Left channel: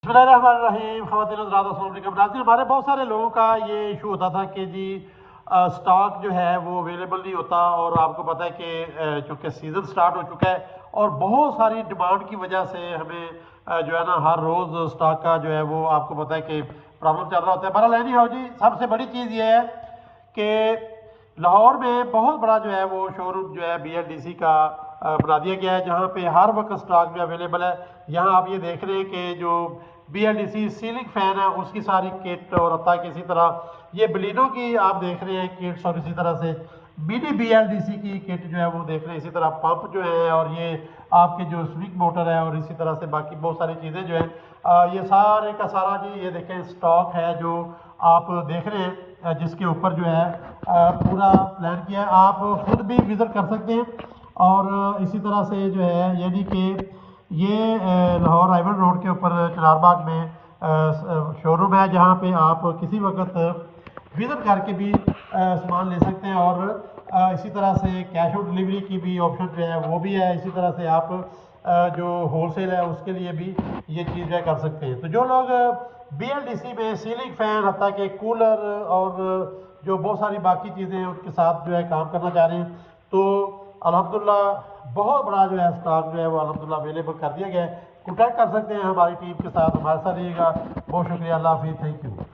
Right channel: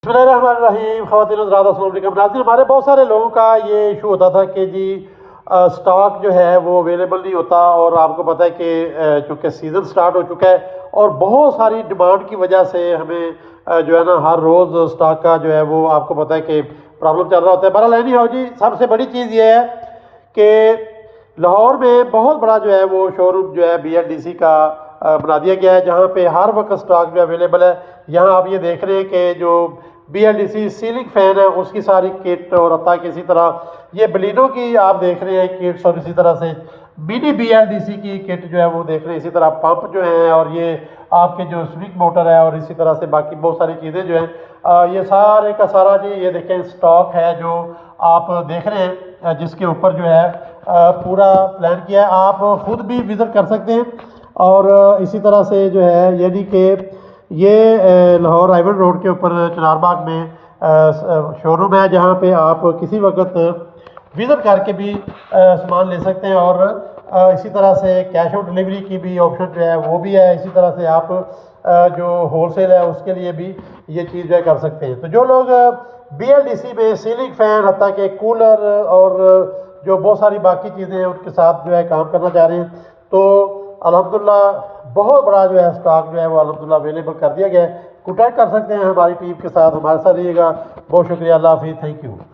بسم اللہ الرحمن الرحیم۔ خواتین حضرات السلام علیکم۔ ناظرین، ہمارے بہت سارے لوگوں کا یہ ایشو ہوتا تھا کہ جی سٹاک جو ہے وہ اویلیبل نہیں ہوتا، اور آپ کو پتہ ہے کہ چونکہ سیزن سٹارٹ ہو چکا ہے اور بہت ساری ڈیمانڈ کی وجہ سے ہمیں جو ہے نا ہر روز سٹاک کا جو ہے وہ آپ کو پتہ ہے کہ پرابلم چل رہا ہوتا ہے۔ بہرحال اینی ہاؤ جی، سب سے بڑی چیز یہ ہے کہ لاہور میں بہت بڑا جو ہے وہ شو روم جو ہے BLDC کا بنا دیا گیا ہے، جہاں پہ ہر وقت سٹاک جو اویلیبل ہے۔ یہاں آپ یہ دیکھ رہے ہیں کہ جو BLDC سیلنگ فین ہے اس کی ساری کٹ، اور حتیٰ کہ اسی طرح یہ بلینو کی آپ دیکھ رہے ہیں کٹس، اور اسی طرح سے منی BLDC کی کٹ جو ہے وہ دیکھ رہے ہیں، اسی طرح پمپ جو ہیں، اور یہ آپ کے جو سوئنگ موٹر ہے، اور اسی طرح سے باقی بہت ساری چیزیں جو ہیں یہ سارے کا سارا جی یہ دیکھیں سٹاک ہے جو آپ دیکھ رہے ہیں، جس کے اوپر جو ہے پورا پلان کیا ہے۔ آپ خود بھی وزٹ کر سکتے ہیں، اور اسی طرح سے جو ہے یعنی کہ یہ لاہور آئیون روڈ کے اوپر چنار باغ میں شو روم ہے، جہاں پہ آپ کسی وقت وزٹ کر کے بھی سامان لے سکتے ہیں، اور اسی طرح سے کیش آن ڈلیوری کی بھی آپشن جو ہے وہ بھی ہے۔ اسی طرح سے آپ جو ہول سیل ہے اس کے لیے بھی یہ چیز جو ہے کر سکتے ہیں۔ تو جو لوگ BLDC میں سیلنگ فین، حتیٰ کہ کولر اور جو بہت ساری باقی چیزیں ہیں ان کے ساتھ جو ہے کام کرنا چاہ رہے ہیں، تو الحمدللہ بہت بڑا جو ہے سٹاک جو ہے وہ الحمدللہ اویلیبل کر دیا گیا ہے۔ کنٹیکٹ کر سکتے ہیں ہماری ٹیم کے ساتھ، ہمارے ساتھ رہیے گا۔ بہت شکریہ، اللہ حافظ، تھینک یو۔